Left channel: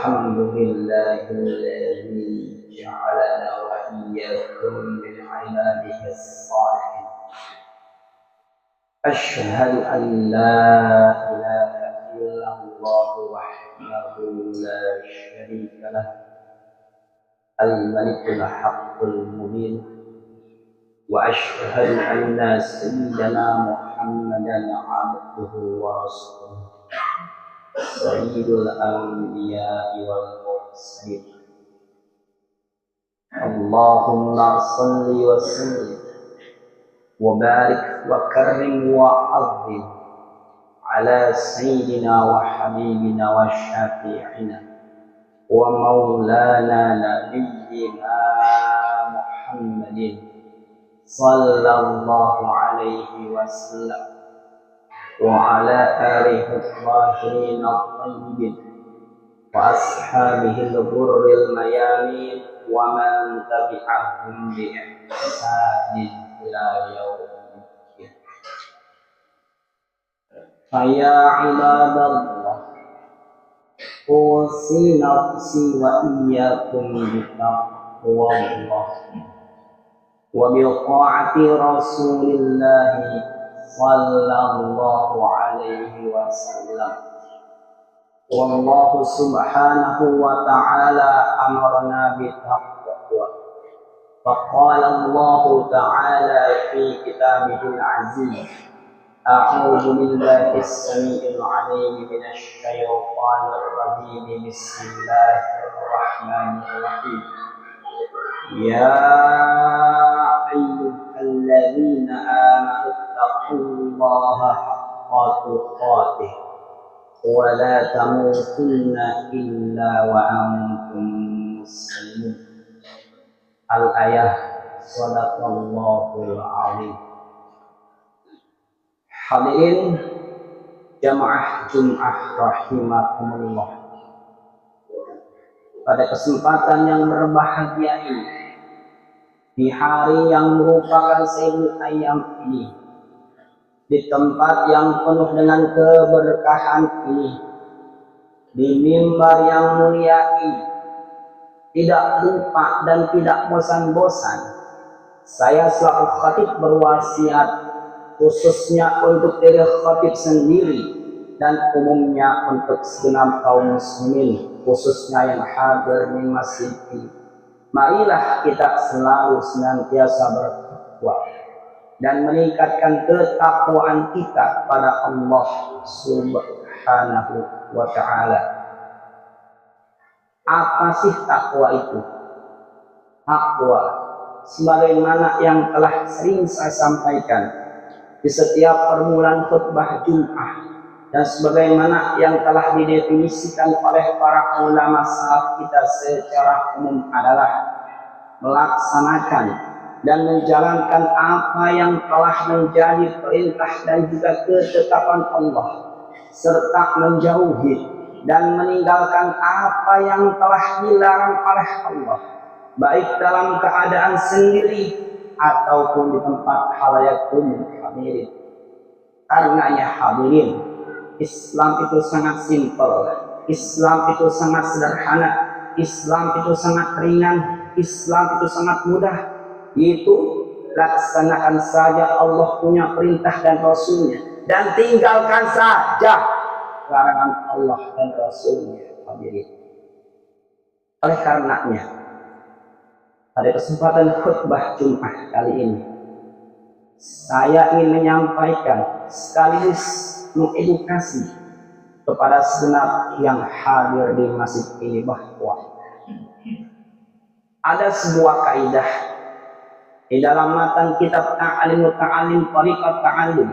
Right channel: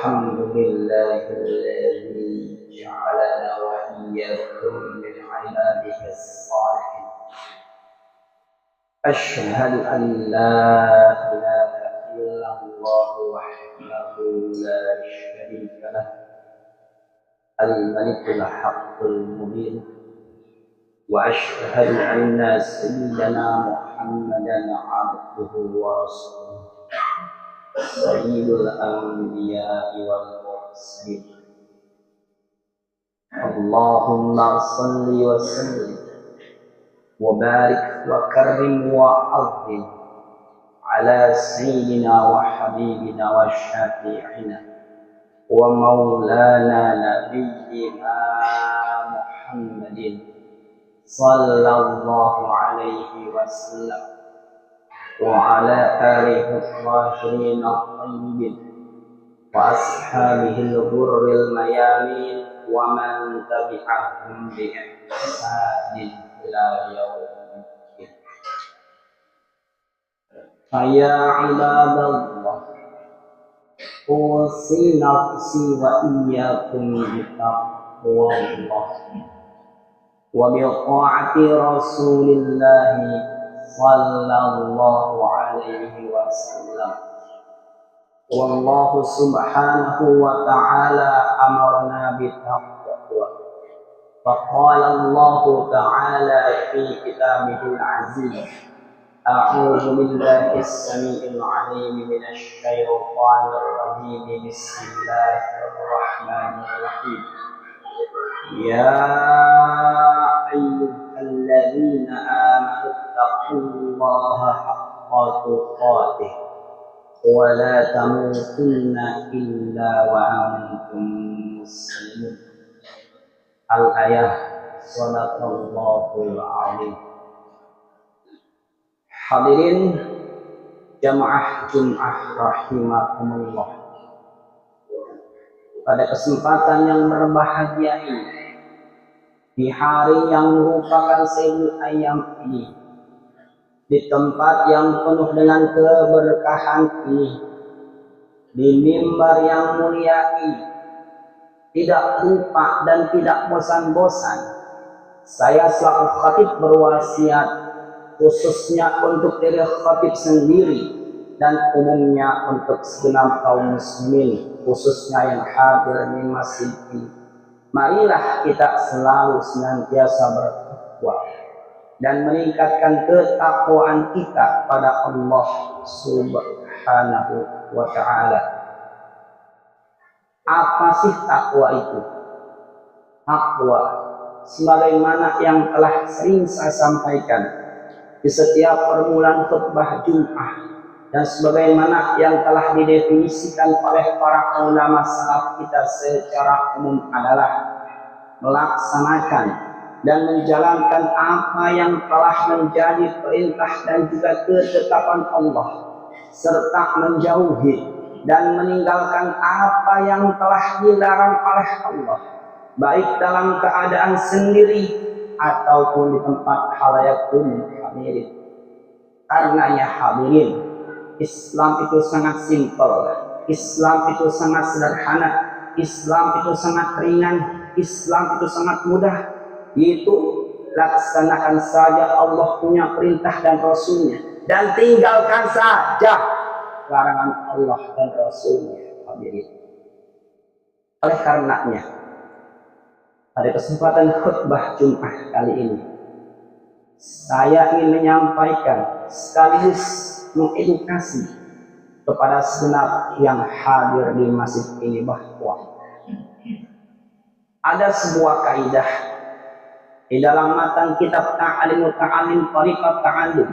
الحمد لله الذي جعلنا وإياكم من عباده الصالحين. أشهد أن لا إله إلا الله وحده لا شريك له الملك الحق المبين. وأشهد أن سيدنا محمدا عبده ورسوله سيد الأنبياء والمرسلين. اللهم صل وسلم وبارك وكرم وعظم على سيدنا وحبيبنا وشفيعنا ومولانا نبينا محمد صلى الله عليه وسلم وعلى آله الطاهرين الطيبين وأصحابه الغر الميامين ومن تبعهم بإحسان إلى يوم الدين. فيا عباد الله، أوصي نفسي وإياكم بتقوى الله وبطاعة رسول الله صلى الله عليه وسلم. والله سبحانه وتعالى أمرنا بالتقوى، فقال الله تعالى في كتابه العزيز: أعوذ بالله السميع العليم من الشيطان الرجيم، بسم الله الرحمن الرحيم. يا أيها الذين آمنوا اتقوا الله حق تقاته ولا تموتن إلا وأنتم مسلمون. Al-ayah. Shadaqallahul azim. Hadirin jamaah Jum'ah rahimakumullah. Pada kesempatan yang berbahagia ini, di hari yang merupakan sayyidul ayyam ini, di tempat yang penuh dengan keberkahan ini, di mimbar yang mulia ini, tidak lupa dan tidak bosan-bosan saya selaku khatib berwasiat, khususnya untuk diri khatib sendiri dan umumnya untuk segenap kaum muslimin, khususnya yang hadir di masjid ini. Marilah kita selalu senantiasa bertakwa dan meningkatkan ketakwaan kita pada Allah Subhanahu wa Ta'ala. Apa sih takwa itu? Takwa, sebagaimana yang telah sering saya sampaikan di setiap permulaan khutbah Jum'ah, dan sebagaimana yang telah didefinisikan oleh para ulama salaf kita secara umum adalah melaksanakan dan menjalankan apa yang telah menjadi perintah dan juga ketetapan Allah, serta menjauhi dan meninggalkan apa yang telah dilarang oleh Allah, baik dalam keadaan sendiri ataupun di tempat khalayak umum. Hadirin, karenanya hadirin, Islam itu sangat simpel, Islam itu sangat sederhana, Islam itu sangat ringan, Islam itu sangat mudah, yaitu laksanakan saja Allah punya perintah dan Rasulnya, dan tinggalkan saja larangan Allah dan Rasulnya. Hadirin, oleh karenanya pada kesempatan khutbah Jum'ah kali ini, saya ingin menyampaikan sekaligus mengedukasi kepada segenap yang hadir di masjid ini bahwa ada sebuah kaidah di dalam matan kitab Ta'alim Muta'alim Tariqat Ta'allum,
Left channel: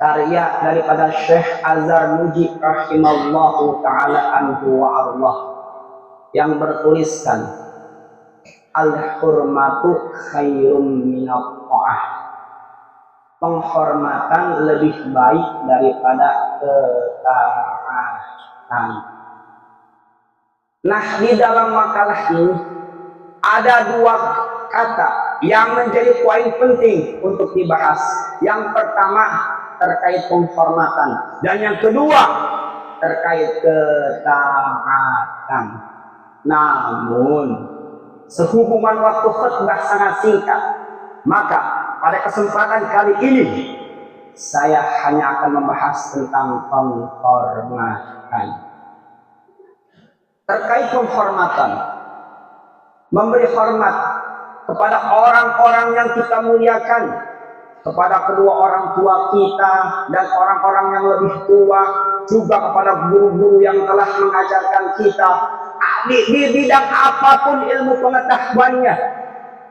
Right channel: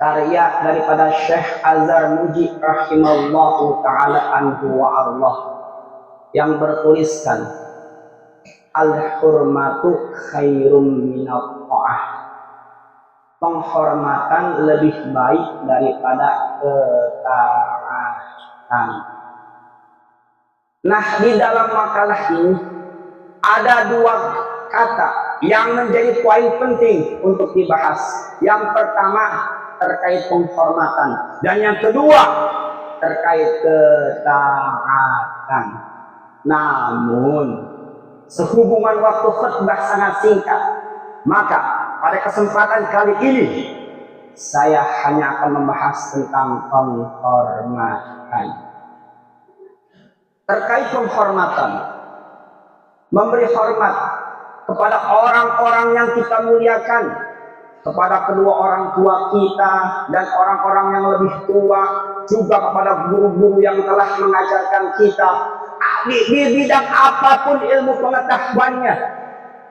karya daripada Syekh Azhar Muji rahimallahu ta'ala anhu wa Allah, yang bertuliskan al-hurmatu khairum minat ta'ah, penghormatan lebih baik daripada ketaatan. Nah, di dalam makalah ini ada dua kata yang menjadi poin penting untuk dibahas. Yang pertama terkait penghormatan, dan yang kedua terkait ketaatan. Namun sehubungan waktu khutbah sangat singkat, maka pada kesempatan kali ini saya hanya akan membahas tentang penghormatan. Terkait penghormatan, memberi hormat kepada orang-orang yang kita muliakan, kepada kedua orang tua kita dan orang-orang yang lebih tua, juga kepada guru-guru yang telah mengajarkan kita di bidang apapun ilmu pengetahuannya,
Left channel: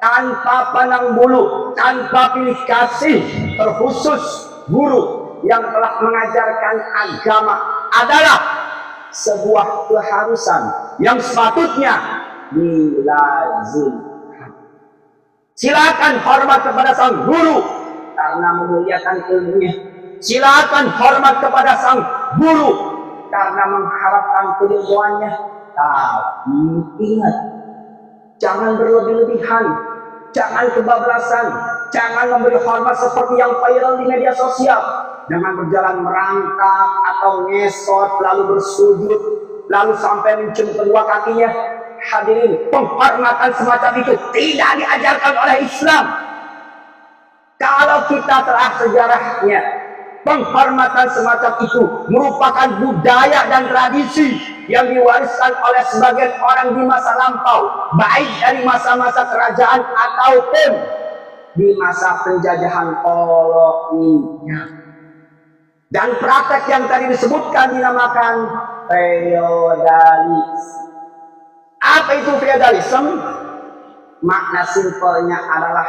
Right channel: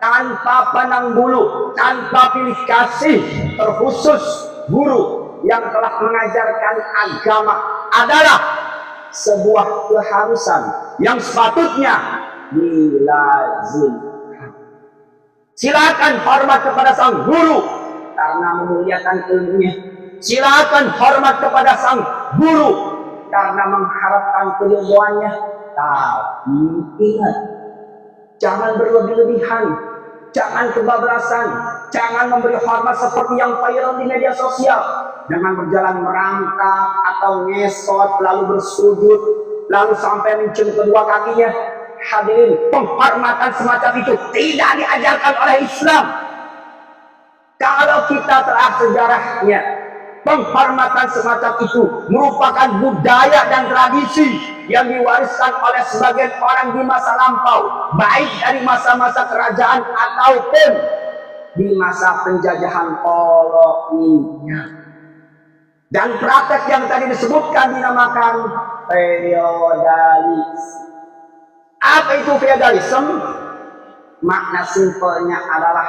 tanpa pandang bulu, tanpa pilih kasih, terkhusus guru yang telah mengajarkan agama adalah sebuah keharusan yang sepatutnya dilazimkan. Silakan hormat kepada sang guru karena memuliakan ilmunya. Silakan hormat kepada sang guru karena mengharapkan keridhoannya. Tapi ingat, jangan berlebih-lebihan, jangan kebablasan, jangan memberi hormat seperti yang viral di media sosial. Jangan berjalan merangkak atau ngesot lalu bersujud lalu sampai mencium kedua kakinya. Hadirin, penghormatan semacam itu tidak diajarkan oleh Islam. Kalau kita telah sejarahnya, penghormatan semacam itu merupakan budaya dan tradisi yang diwariskan oleh sebagian orang di masa lampau, baik dari masa-masa kerajaan ataupun di masa penjajahan kolonial. Dan praktek yang tadi disebutkan dinamakan feodalisme. Apa itu feodalisme? Makna simpelnya adalah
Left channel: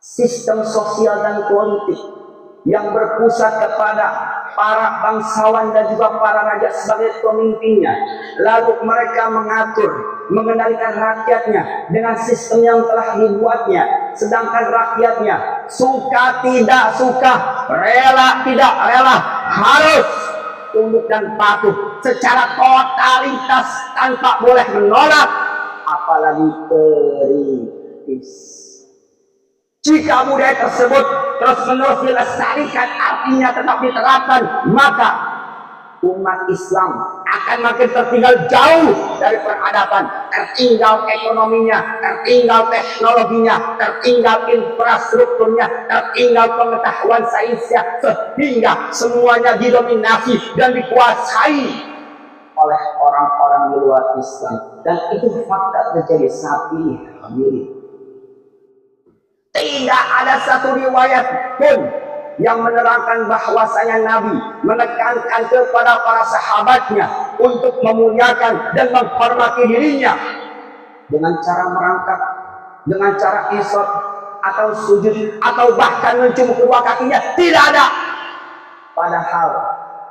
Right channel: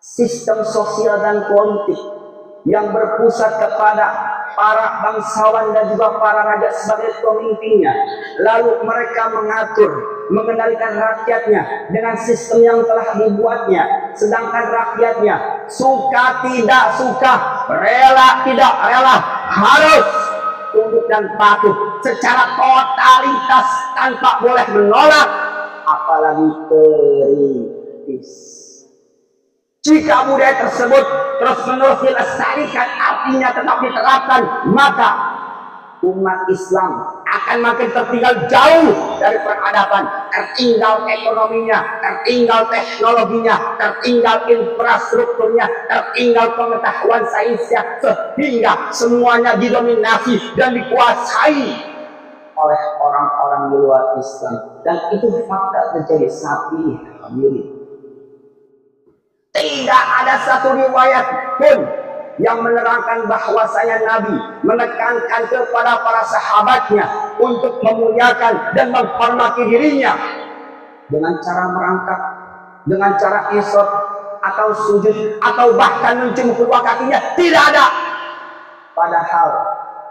sistem sosial dan politik yang berpusat kepada para bangsawan dan juga para raja sebagai pemimpinnya. Lalu mereka mengatur, mengendalikan rakyatnya dengan sistem yang telah dibuatnya. Sedangkan rakyatnya suka tidak suka, rela tidak rela, harus tunduk dan patuh secara totalitas tanpa boleh menolak, apalagi kritis. Jika budaya tersebut terus-menerus dilestarikan, artinya tetap diterapkan, maka umat Islam akan makin tertinggal jauh dari peradaban, tertinggal ekonominya, tertinggal teknologinya, tertinggal infrastrukturnya, tertinggal pengetahuan sainsnya, sehingga semuanya didominasi dan dikuasai oleh orang-orang di luar Islam. Dan itu fakta terjadi saat ini, hadirin. Tidak ada satu riwayat pun yang menerangkan bahwasanya Nabi menekankan kepada para sahabatnya untuk memuliakan dan menghormati dirinya dengan cara merangkak, dengan cara esot atau sujud atau bahkan mencium kedua kakinya. Tidak ada. Padahal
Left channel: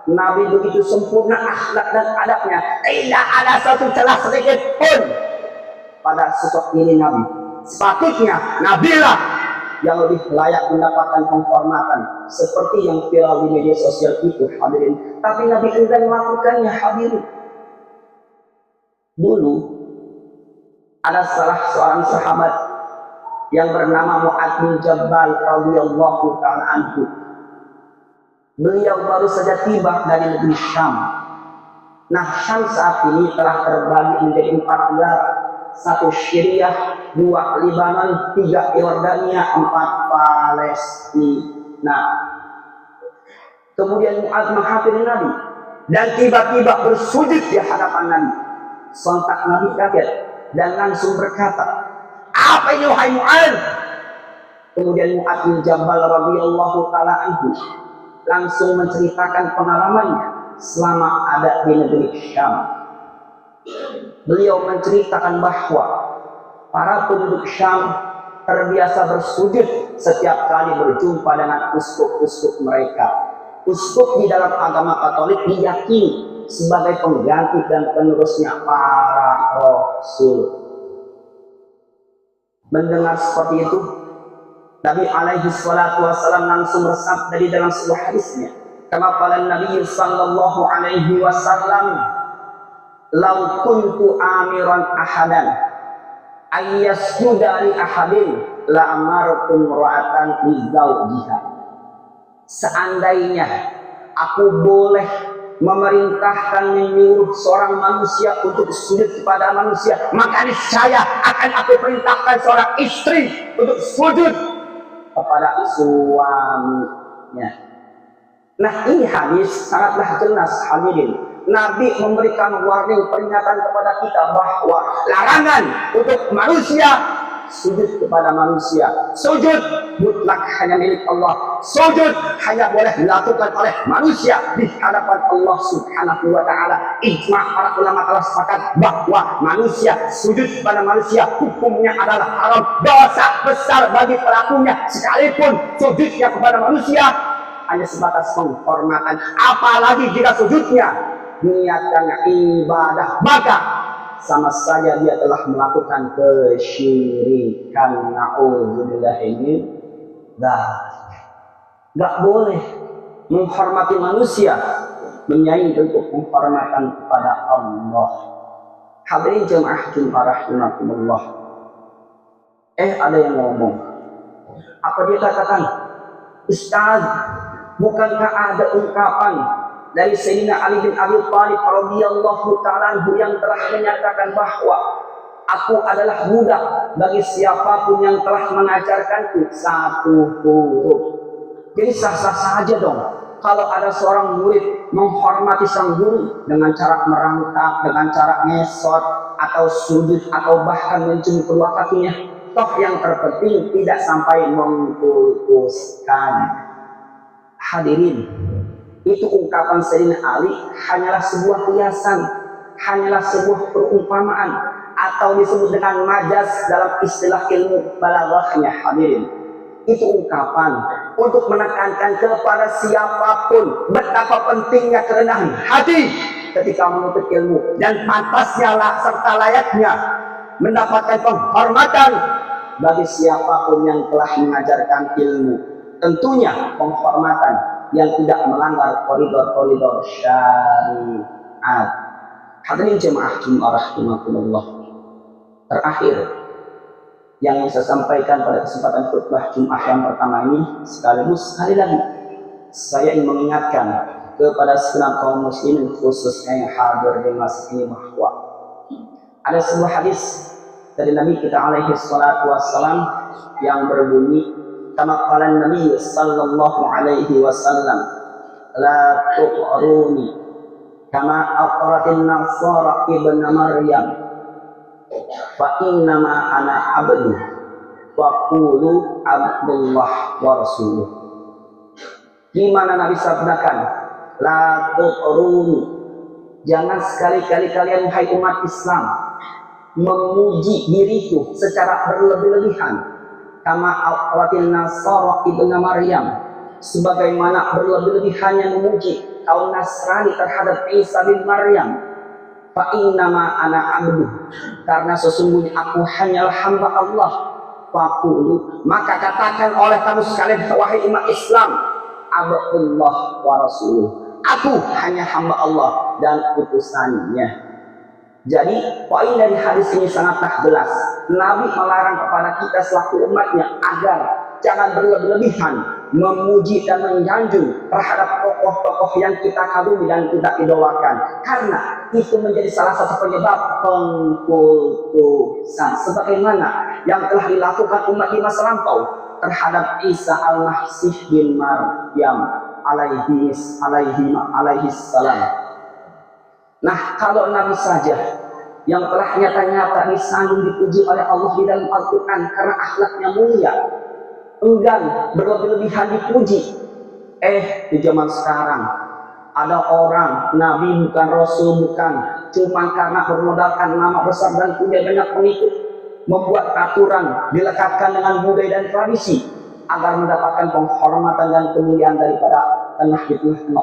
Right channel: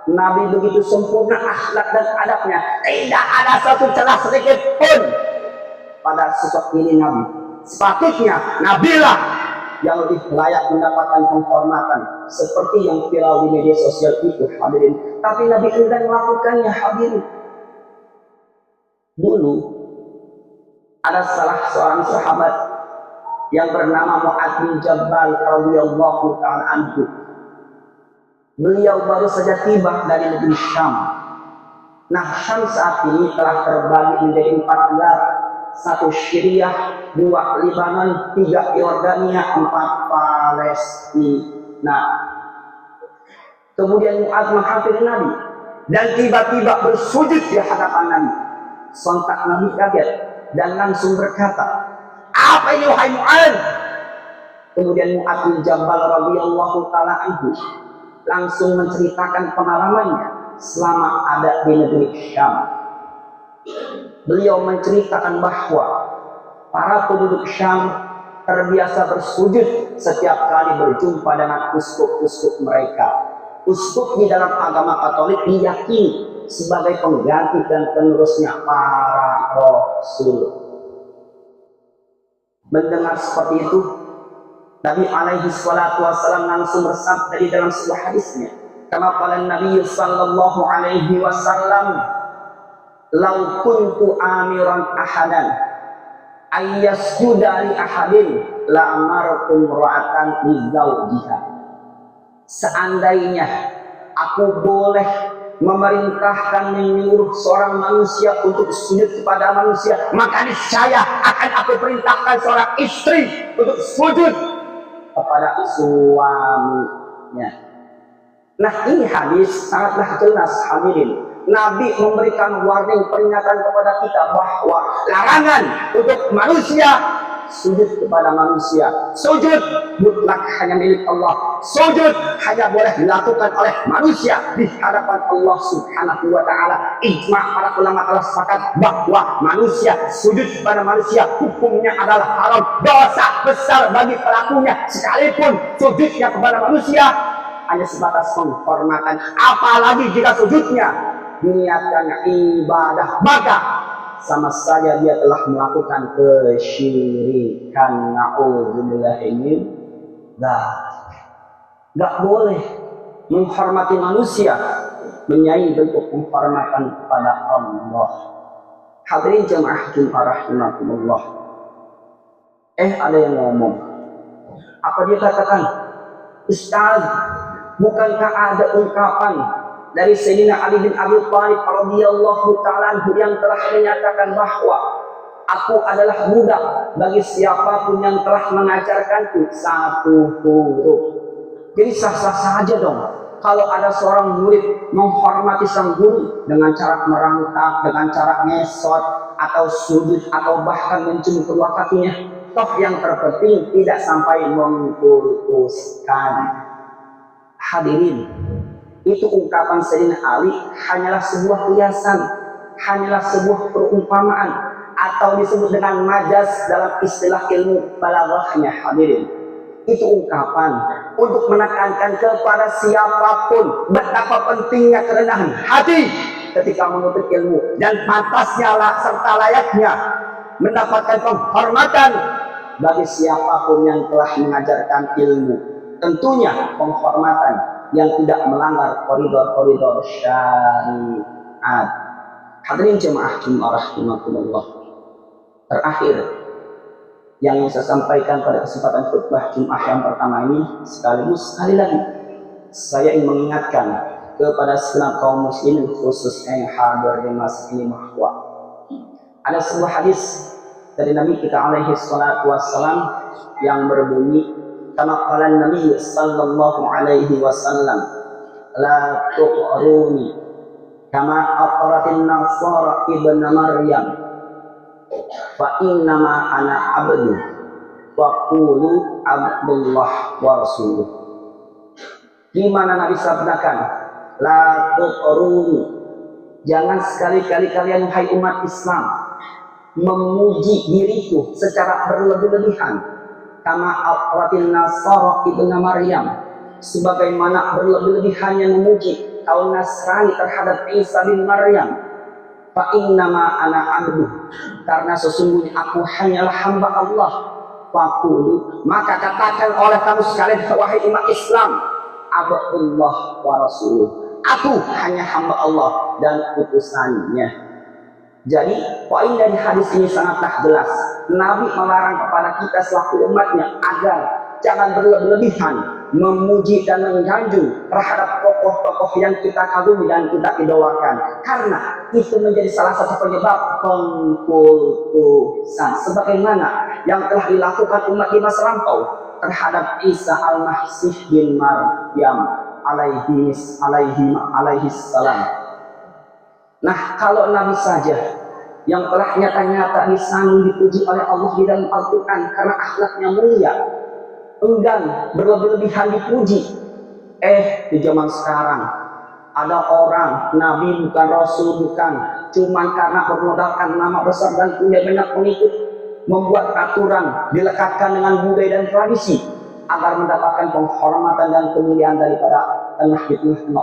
Nabi begitu sempurna akhlak dan adabnya, tidak ada satu celah sedikit pun pada sosok ini Nabi. Sepatutnya Nabilah yang lebih layak mendapatkan penghormatan seperti yang viral di media sosial itu, hadirin. Tapi Nabi enggan melakukannya, hadirin. Dulu ada salah seorang sahabat yang bernama Mu'adz bin Jabal radhiyallahu ta'ala anhu. Beliau baru saja tiba dari negeri Syam. Nah, Syam saat ini telah terbagi menjadi 4 negara. 1 Syriah, 2 Libanon, 3 Yordania, 4 Palestina. Kemudian Mu'adz menghampiri Nabi dan tiba-tiba bersujud di hadapan Nabi. Sontak Nabi kaget dan langsung berkata, "Apa ini wahai Mu'adz?" Kemudian Mu'adz bin Jabal radhiyallahu ta'ala anhu langsung menceritakan pengalamannya selama ada di negeri Syam. Beliau menceritakan bahwa para penduduk Syam terbiasa bersujud setiap kali berjumpa dengan uskup-uskup mereka. Uskup di dalam agama Katolik diyakini sebagai pengganti dan penerusnya para rasul. Mendengar seperti itu, Nabi alaihi salatu wasallam langsung bersabda di dalam sebuah hadisnya, kama qala Nabi sallallahu alaihi wasallam, "Lau kuntu amiran ahadan ayyasjuda li ahadin la amartum ra'atan li zawjiha." Seandainya aku boleh memerintahkan menyuruh seorang manusia untuk sujud kepada manusia, maka niscaya akan aku perintahkan seorang istri untuk sujud kepada suaminya. Nah, ini hadis sangatlah jelas hadirin. Nabi memberikan warning, peringatan kepada kita bahwa larangan untuk manusia sujud kepada manusia. Sujud mutlak hanya milik Allah. Sujud hanya boleh dilakukan oleh manusia di hadapan Allah Subhanahu wa taala. Ijma' para ulama telah sepakat bahwa manusia sujud kepada manusia hukumnya adalah haram, dosa besar bagi pelakunya, sekalipun sujudnya kepada manusia hanya sebatas penghormatan. Apalagi jika sujudnya niatkan ibadah, maka sama saja dia telah melakukan kesyirikan. Na'udzubillah ini gak boleh menghormati manusia menyaingi bentuk penghormatan kepada Allah. Hadirin jemaah Jumat rahimakumullah. Ada yang ngomong, apa dia katakan? Ustaz, bukankah ada ungkapan dari Sayyidina Ali bin Abi Thalib radhiyallahu ta'ala anhu yang telah menyatakan bahwa aku adalah budak bagi siapapun yang telah mengajarkanku satu huruf. Jadi sah-sah saja dong kalau ada seorang murid menghormati sang guru dengan cara merangkak, dengan cara ngesot atau sujud atau bahkan mencium kedua kakinya. Toh yang terpenting tidak sampai mengkultuskan. Hadirin, itu ungkapan Sayyidina Ali hanyalah sebuah kiasan, hanyalah sebuah perumpamaan, atau disebut dengan majas dalam istilah ilmu balaghahnya. Hadirin, itu ungkapan untuk menekankan kepada siapapun betapa pentingnya kerendahan hati ketika menuntut ilmu, dan pantasnya serta layaknya mendapatkan penghormatan bagi siapapun yang telah mengajarkan ilmu. Tentunya penghormatan yang tidak melanggar koridor-koridor syariat. Hadirin jemaah Jumat rahimakumullah. Terakhir yang saya sampaikan pada kesempatan khutbah Jumat yang pertama ini, sekali lagi saya ingin mengingatkan kepada segenap kaum muslimin khususnya yang hadir di masa ini bahwa ada sebuah hadis dari Nabi kita alaihi salatu wassalam yang berbunyi, kama qala Nabi sallallahu alaihi wasallam, la tuqruni kama aqratin nasara ibnu Maryam fa innama ana abdu wa qulu abdullah wa rasuluh. Di mana Nabi sabdakan, la tuqruni, jangan sekali-kali kalian hai umat Islam memuji diriku secara berlebih-lebihan, kama aqratin nasara ibnu Maryam, sebagaimana berlebih-lebihannya memuji kaum Nasrani terhadap Isa bin Maryam. Fa innama ana abdu, karena sesungguhnya aku hanyalah hamba Allah. Faqulu, maka katakan oleh kamu sekalian wahai umat Islam, abdullah wa rasuluh, aku hanya hamba Allah dan utusannya. Jadi poin dari hadis ini sangatlah jelas. Nabi melarang kepada kita selaku umatnya agar jangan berlebih-lebihan memuji dan menyanjung terhadap tokoh-tokoh yang kita kagumi dan kita idolakan, karena itu menjadi salah satu penyebab pengkultusan, sebagaimana yang telah dilakukan umat di masa lampau terhadap Isa al-Masih bin Maryam alaihi salam. Nah, kalau Nabi saja yang telah nyata-nyata disanjung dipuji oleh Allah di dalam Al-Quran karena akhlaknya mulia, enggan berlebih-lebihan dipuji. Di zaman sekarang ada orang Nabi bukan Rasul bukan, cuman karena bermodalkan nama besar dan punya banyak pengikut, membuat aturan dilekatkan dengan budaya dan tradisi agar mendapatkan penghormatan dan kemuliaan daripada tengah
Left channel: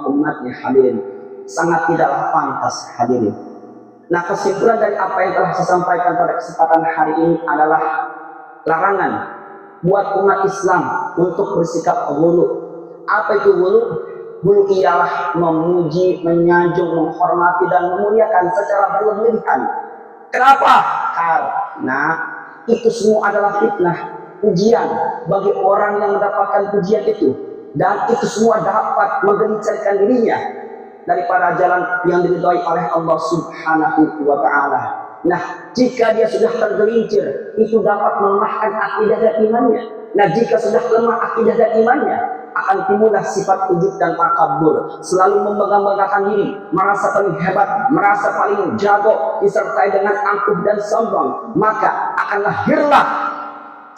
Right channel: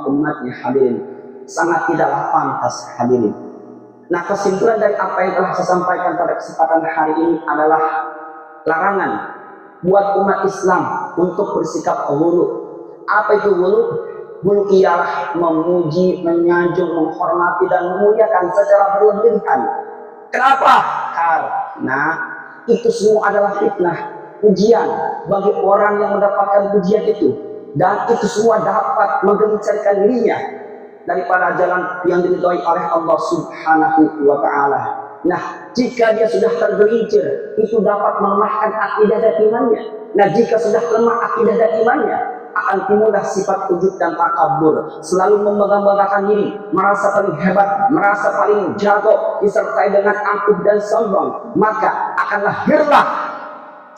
umatnya. Hadirin, sangat tidaklah pantas. Hadirin, nah kesimpulan dari apa yang telah saya sampaikan pada kesempatan hari ini adalah larangan buat umat Islam untuk bersikap ghulu. Apa itu ghulu? Ghulu ialah memuji, menyanjung, menghormati dan memuliakan secara berlebihan. Kenapa? Karena itu semua adalah fitnah, ujian bagi orang yang mendapatkan pujian itu, dan itu semua dapat menggencarkan dirinya daripada jalan yang diridhai oleh Allah Subhanahu wa taala. Nah, jika dia sudah tergelincir, itu dapat melemahkan akidah dan imannya. Nah, jika sudah lemah akidah dan imannya, akan timbullah sifat ujub dan takabur, selalu membangga-banggakan diri, merasa paling hebat, merasa paling jago, disertai dengan angkuh dan sombong. Maka akan lahirlah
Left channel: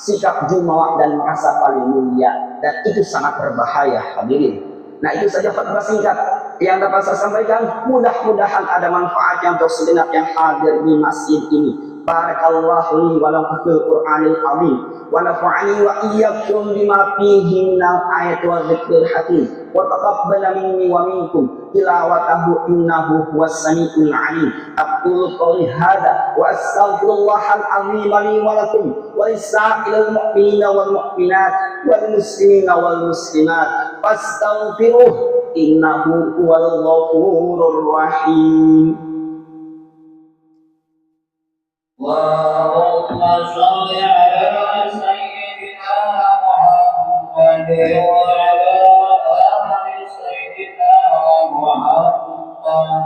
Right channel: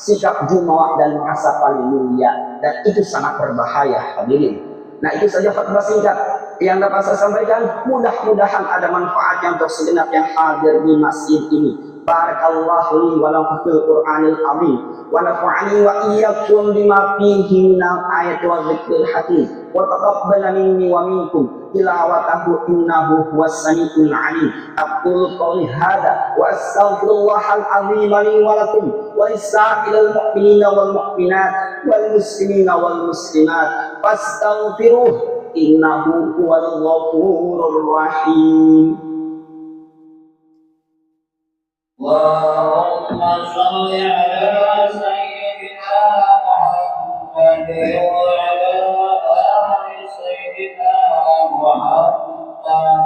sikap jumawa dan merasa paling mulia, dan itu sangat berbahaya, hadirin. Nah, itu saja khutbah singkat yang dapat saya sampaikan. Mudah-mudahan ada manfaatnya untuk segenap yang hadir di masjid ini. Barakallahu li wa lakum fil Qur'anil azim wa nafa'ani wa iyyakum bima fihi minal ayati wa dzikril hakim wa taqabbal minni wa minkum tilawatahu innahu huwas samiul alim. Aqulu qawli hadza wa astaghfirullahal azim li wa lakum wa lisa'ilil mu'minina wal mu'minat wal muslimina wal muslimat fastaghfiruh innahu huwal ghafurur rahim. اللهم صل على سيدنا محمد وعلى آل سيدنا محمد.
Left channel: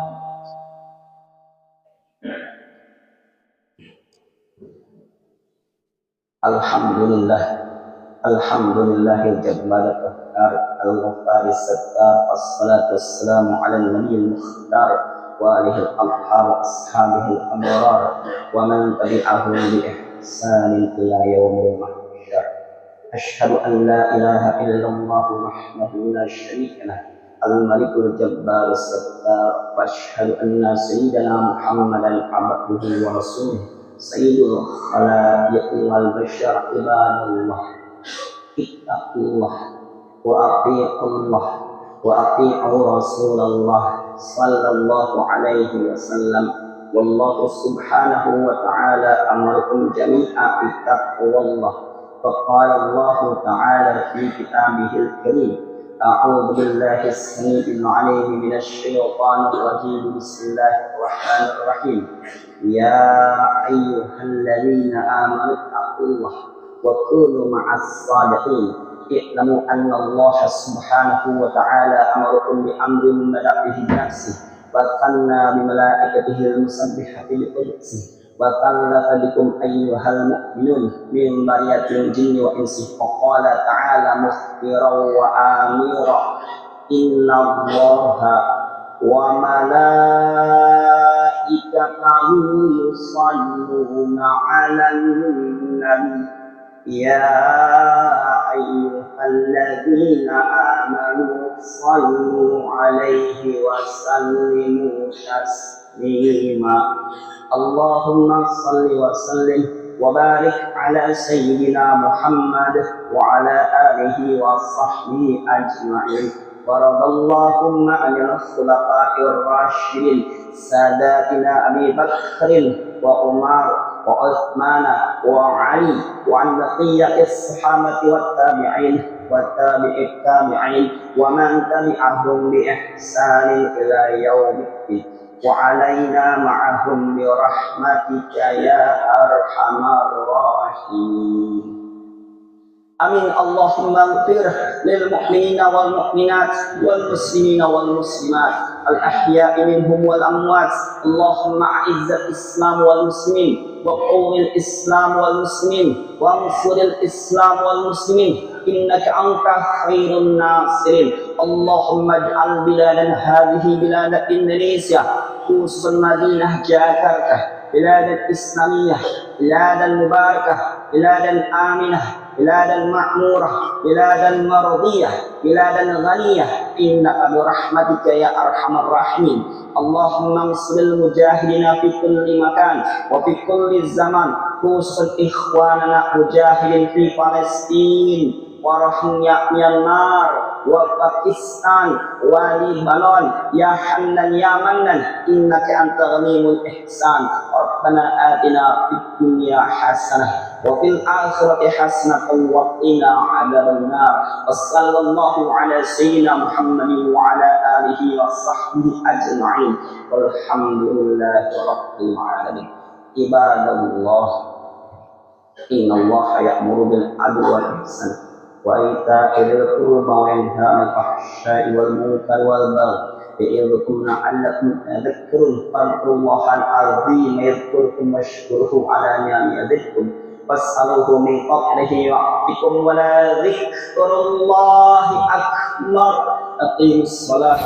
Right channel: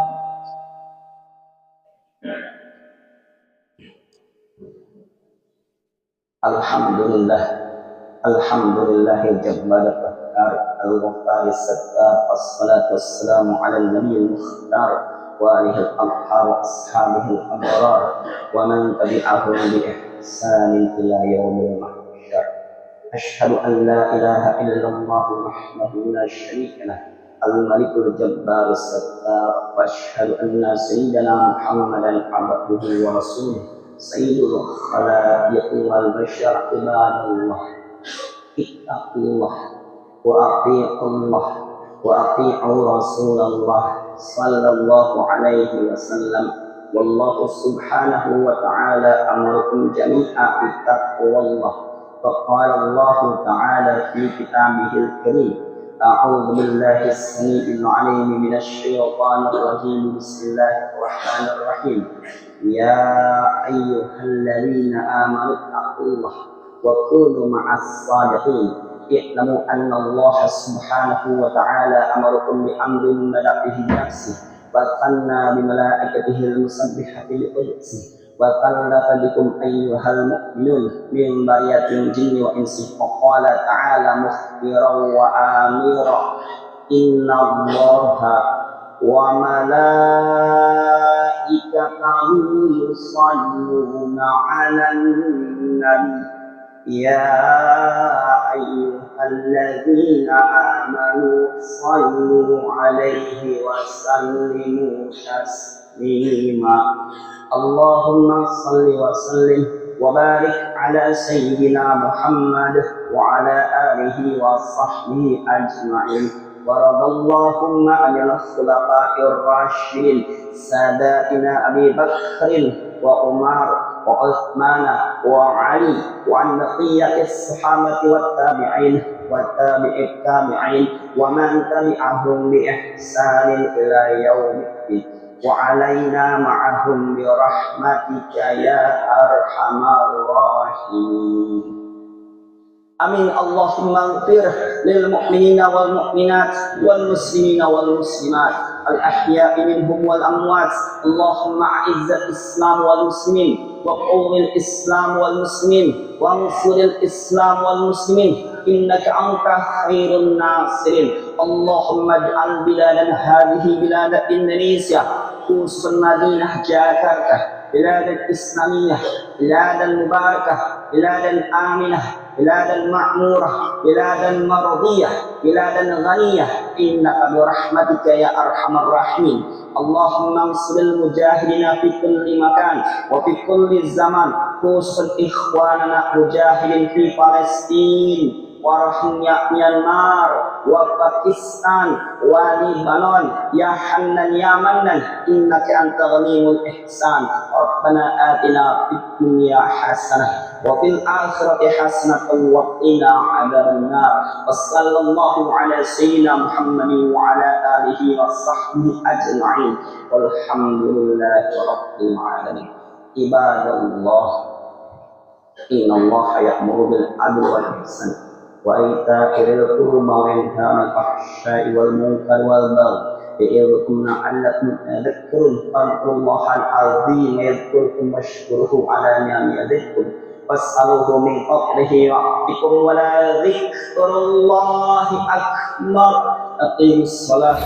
Alhamdulillah, alhamdulillah jabbar qahar al-ghaffar as-sattar, wassalatu wassalamu ala an-nabiyil mukhtar wa alihi al-athhar wa ashabihi al-abrar wa man tabi'ahum bi ihsanin ila yaumil mahsyar. Asyhadu an la ilaha illallah wahdahu la syarika lah, al-malikul jabbar as-sattar, wa asyhadu anna sayyidana Muhammadan abduhu wa rasuluh sayyidul khalaiq wal bashar. Ibadallah, ittaqullah wa ati'ullah wa ati'u Rasulullah sallallahu alaihi wasallam. Wallahu subhanahu wa ta'ala amarakum jami'a bittaqwallah. Faqala Allah ta'ala fi kitabihil karim, a'udzu billahi as-sami'il 'alim minasy syaithanir rajim. Bismillahir rahim. Ya ayyuhalladzina amanu taqullaha wa kunu ma'as shadiqin. I'lamu anna Allah subhanahu wa ta'ala amarakum bi amrin bada'a bihi nafsihi wa thanna bi malaikatihi al-musabbihati bi qudsihi wa tallata bikum ayyuhal mu'minun min bariyatin jinni wa insi. Wa qala ta'ala mukhbiran wa amira, inna Allaha wa malaikatahu yusalluna 'alan nabi ya ayyuhalladzina amanu sallu 'alaihi wa sallimu taslima. Allahumma salli wa sallim wa barik ala sayyidina Muhammad wa ala alihi wa sahbihi ajma'in. Waradallahu ma'anil khulafa'ir rasyidin sadatina Abi Bakrin wa Umar wa Uthmana wa Ali wa an baqiyatis sahabati wat tabi'in wa tabi'it tabi'in wa man tabi'ahum bi ihsanin ila yaumiddin wa alaina ma'ahum bi rahmatika ya arhamar rahimin. Amin. Allahumma ighfir lil mu'minina wal mu'minat wal muslimina wal muslimat al ahya'i minhum wal amwat. Allahumma a'izzal islam wal muslimin wa qawwil islam wal muslimin wa ansuril islam wal muslimin innaka anta khairun nasirin. Allahumma ij'al biladan hadhihi bilad Indonesia khususan Madinah Jakarta biladan islamiyah, biladan mubarakah, biladan aminah, biladan ma'murah, biladan maradiyah, biladan ghaniyah, innaka birahmatika ya arhamar rahimin. Allahumma ansuril mujahidina fi kulli makan wa fi kulli zaman, khususan ikhwanana mujahidin fi Palestin wa rahnya Myanmar wa Pakistan wa Libanon ya Hannan ya Mannan innaka anta ghaniyul ihsan. Rabbana atina fid dunya hasanah wa fil akhirati hasanatan wa qina adzaban nar. Wassallallahu ala sayyidina Muhammadin wa ala alihi wa sahbihi ajma'in. Walhamdulillahi rabbil alamin. Ibadallah, innallaha ya'muru bil adli wal ihsan wa ita'i dzil qurba wa yanha 'anil fahsya'i wal munkari wal baghi يعظكم لعلكم تذكرون فاذكروا الله العظيم يذكركم واشكروه على نعمه يزدكم واسألوه من فضله يعطكم ولذكر الله أكبر. أقيموا الصلاة.